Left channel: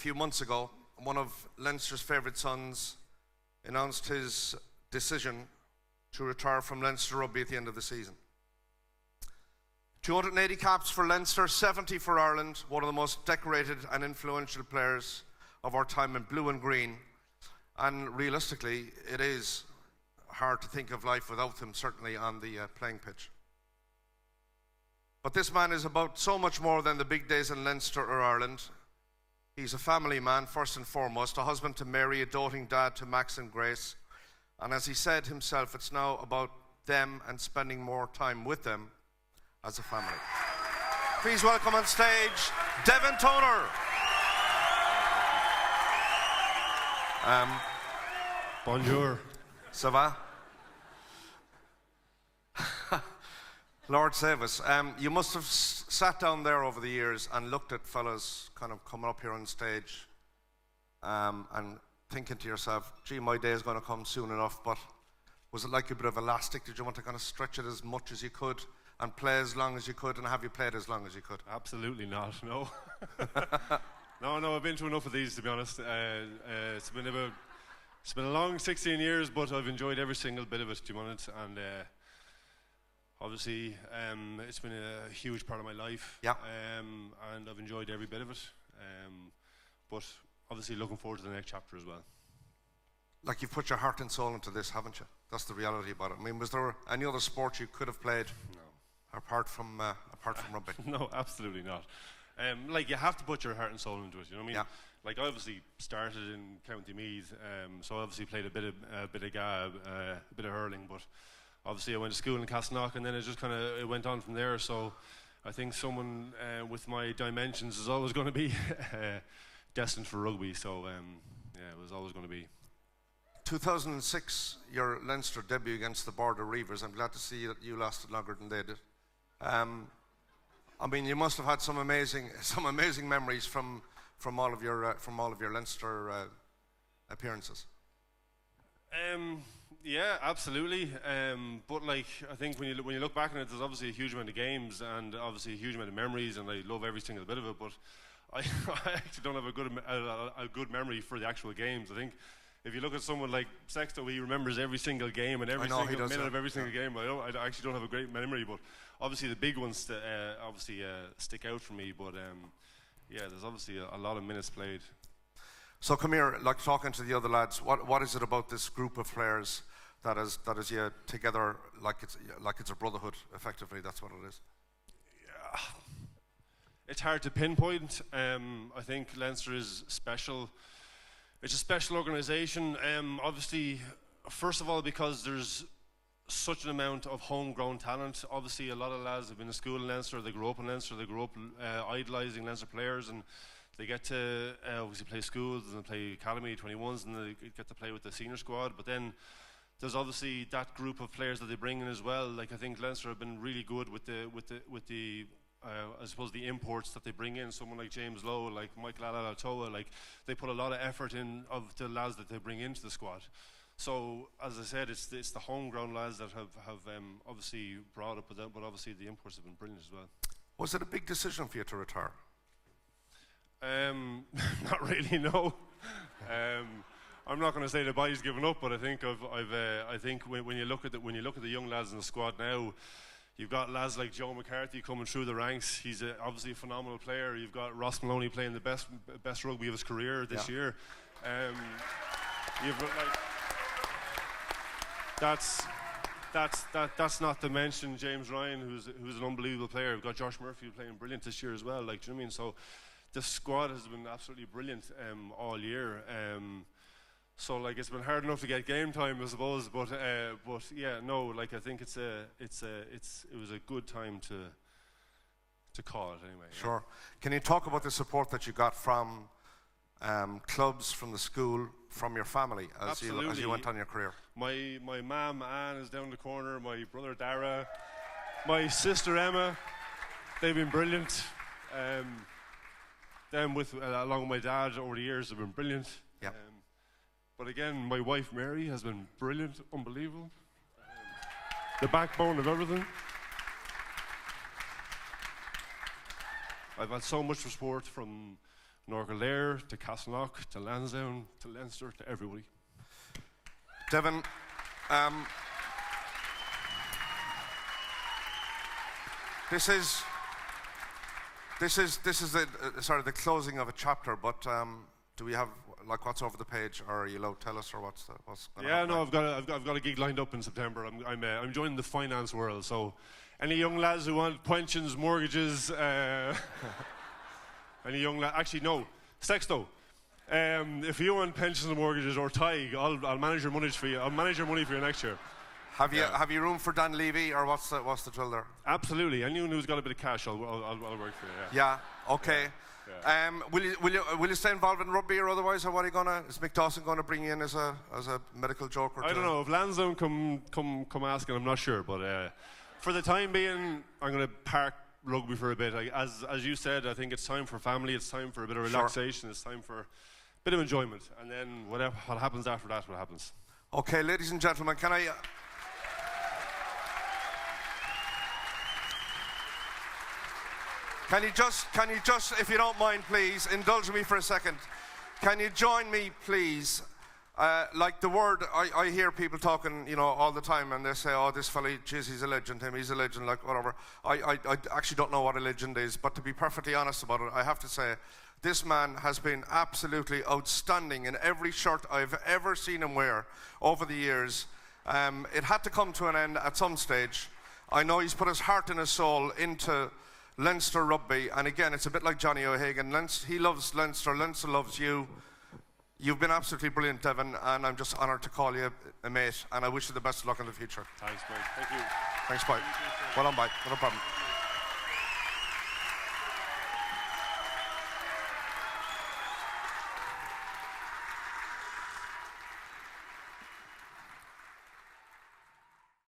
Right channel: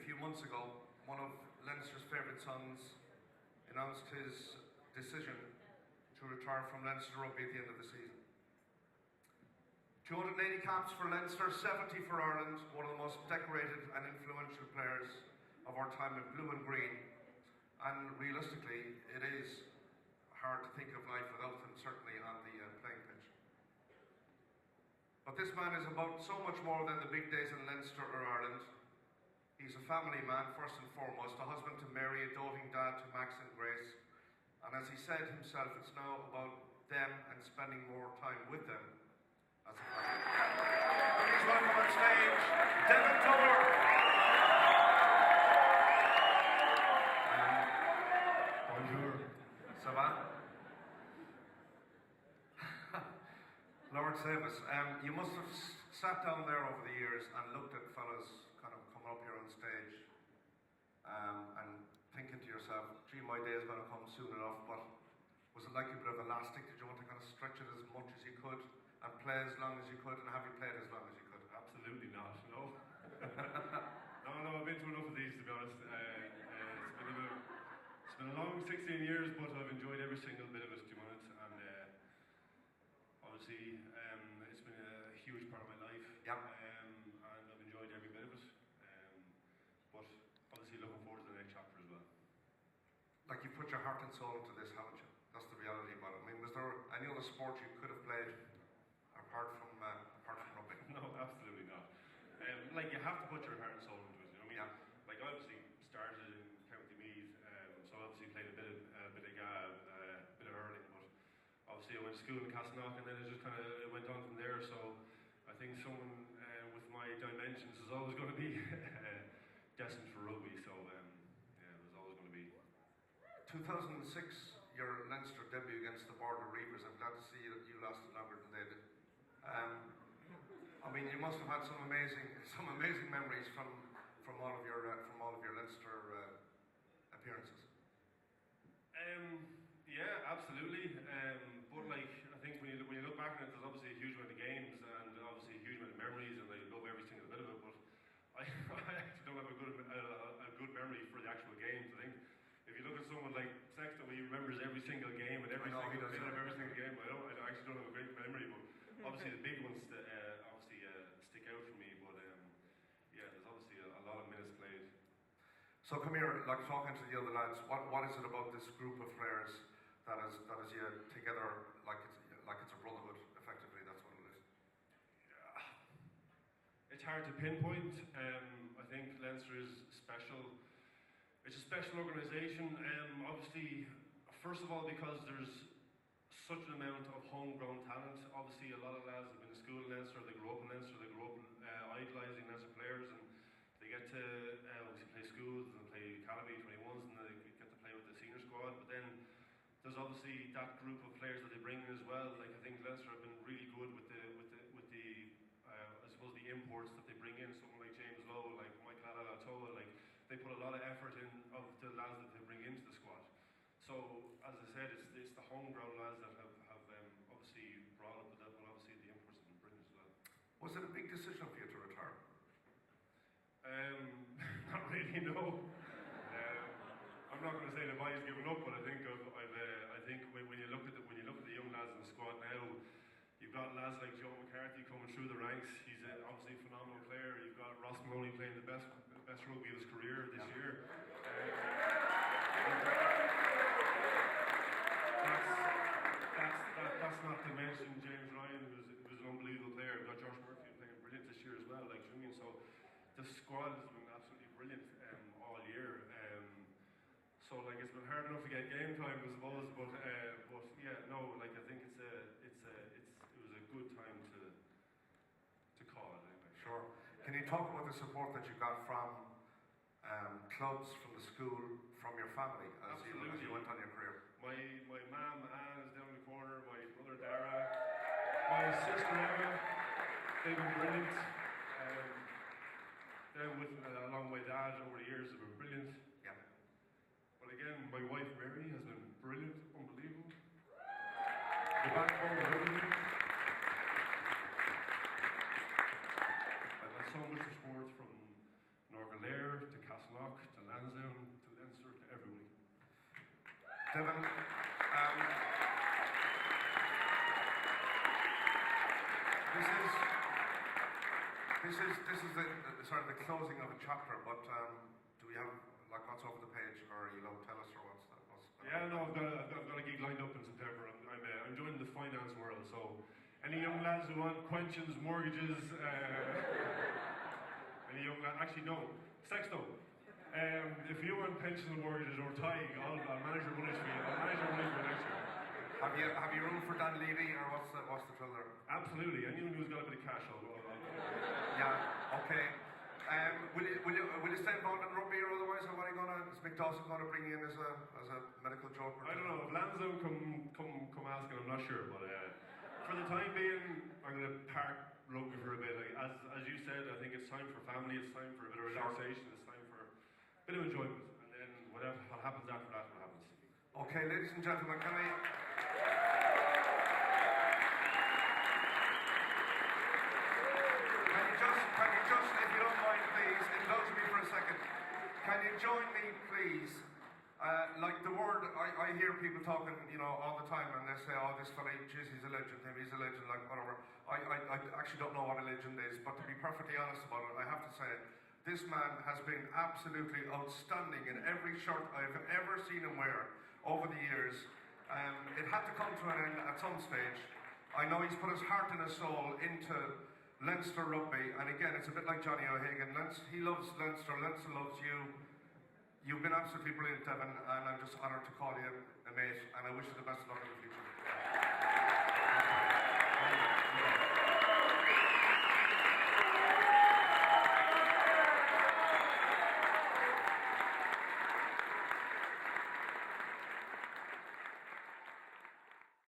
A few months ago, one of Leinster's favourite sons announced his decision to retire from Leinster Rugby at the end of the season. 280 caps for Leinster, 70 for Ireland, one of the most decorated and influential players of our time in blue and green. And realistically, it is hard to think of life without him, certainly on the playing pitch. But this man is about so much more than the big days in Leinster or Ireland. He's a family man, first and foremost, a husband to Mary, a doting dad to Max and Grace. And as he said himself, it's now about them and spending more time with them as a family. Please welcome on stage, Devin Toner. Bonjour. Ça va? Lord save us. You must have sat down there over the years and looked at fellas kind of coming up here on stage and thinking to yourself, gee, my day is going to come soon enough, but was it like a bit of elastic? Did you want to kind of stretch it as much as you could and play as long as you could, and have you played as long as you could? Absolutely not, no. No, I've been to enough of these, to be honest. It's been a long 16 years, but I've enjoyed every single bit of it, to be honest. And obviously, it's been a huge part of my life. Yeah. And I've enjoyed every bit of it. But obviously looking forward to the next chapter as well. Like, you've put your heart and soul into this, haven't you? That's the reality about it. I mean, was there any other sport you could have played? No. Apart from rugby? No, absolutely not. Like, you have to put your heart and soul into it, you know what I mean? Yeah. Like, I obviously started in County Meath, so I obviously played a bit of hurling, but obviously I went to school in Castleknock, and then it just kind of went on from there. So I think someone with my dimensions is always going to be destined for rugby. So yeah, it was always going to be. 2006, your Leinster debut against the Border Reivers. I'm glad to see that you lasted longer than they did. I mean, you must have had some amazing memories from all of your Leinster appearances. Yeah, absolutely. But like, I think when you look back on it, there's obviously a huge amount of games and obviously a huge amount of memories, and I love every single bit of it. But I actually don't have a good memory for the actual games. I think if you look at someone like Sexto, he remembers every single game and every single minute of every single game. I actually don't have a great memory, but obviously the big ones stick out for me. But yeah, there's obviously a lot of minutes played. So come here, like, talking to the other lads, what is it about this group of players that is you together like it's a brotherhood? Effectively, that's what it is. Yeah, it's hard to pinpoint. I think Leinster is special. It's a special organisation. Obviously, first of all, because there's such an amount of homegrown talent. Obviously, a lot of lads have been in school in Leinster. They grew up in Leinster. They grew up idolising Leinster players, and they get to obviously play schools and play academy 21s, and they get to play with the senior squad. But then there's obviously that group of players that they bring in as well. Like, I think Leinster have been really good with the I suppose the imports that they bring in. Someone like James Lowe, like Michael Alatoa, like, they put a lot of effort in of the lads that they bring into the squad. So as I said, it's the homegrown lads that have obviously brought it, but obviously the imports have been brilliant as well. Was it a big decision for you to retire? Not really, no. I'm not going to say the body's given up, but I think I think when you look at the young lads in the squad now, you've got lads like Joe McCarthy coming through the ranks. He's obviously a phenomenal player. You've got Ross Maloney playing the best rugby of his career this year. That's not to mention James Ryan, who's an unbelievable player. We've got Josh Murphy playing brilliant this year as well. Like, do you know what I mean? So the squad has been absolutely brilliant all year. So like, it's been hard enough to get game time, I suppose. But yeah, no. Like, I think it was a good time to call it anyway. Sure. Can you talk about the support that you got from clubs, from the school, from your family as you went on your career? My mum Anne is down the corner. My brother Dara, my sister Emma, they've been brilliant. Them along with my dad over the years have been brilliant. Yeah. But again, my wife Mary has been brilliant, unbelievable. The backbone of everything. I've had so much support from Norgalair, to Castleknock, to Lansdowne, to Leinster, to everybody. Devin, this is the closing of a chapter. But do we have what's over the page, or are you allowed to tell us, or what's going on? Yeah, no, I've got a gig lined up in September. I'm joining the finance world. So, any young lads who want pensions, mortgages, any young lad, actually no, Sexto. If you want pensions and mortgages or Tig, I'll manage your money for you. I'll manage your money for you next year. Have you room for Dan Levy, or what's the drill there? Absolutely. Anyone who's got a bit of cash, I'll work for you. Yeah. Okay. Yeah. Will you stay involved in rugby or otherwise, or is Mick Dawson gonna bring you in as a medical joker? I don't know. If Lansdowne come asking, I'm not sure. But for the time being, I'm gonna park rugby for a bit. As you said, I think it's time for family. It's time for a bit of relaxation. Sure. It's time for a bit of enjoyment, and then what happens after that, what happens. Okay, ladies and gentlemen, can you just, if you don't mind, please, indulge me for a second. Can you join me, please? Like the word, I hear people talking, all the time, and they say, oh, this fella, geez, he's a legend, he's a legend, like whatever. I actually don't know what a legend is, but to be perfectly honest about it, I have to say, this man has been absolutely outstanding in every shirt I've ever seen him wear over the years. It had to come to an end at some stage. I know he's put his heart and his soul into Leinster rugby, and again, it's a bit like Johnny O'Hagan. He loves Leinster, Leinster loves you. You've been absolutely brilliant, Devin, and I'm just honoured to call you a mate, and I wish you the best of luck in the future. Thanks, mate. Thank you. Thanks, Mike. Well done, Mike. No problem.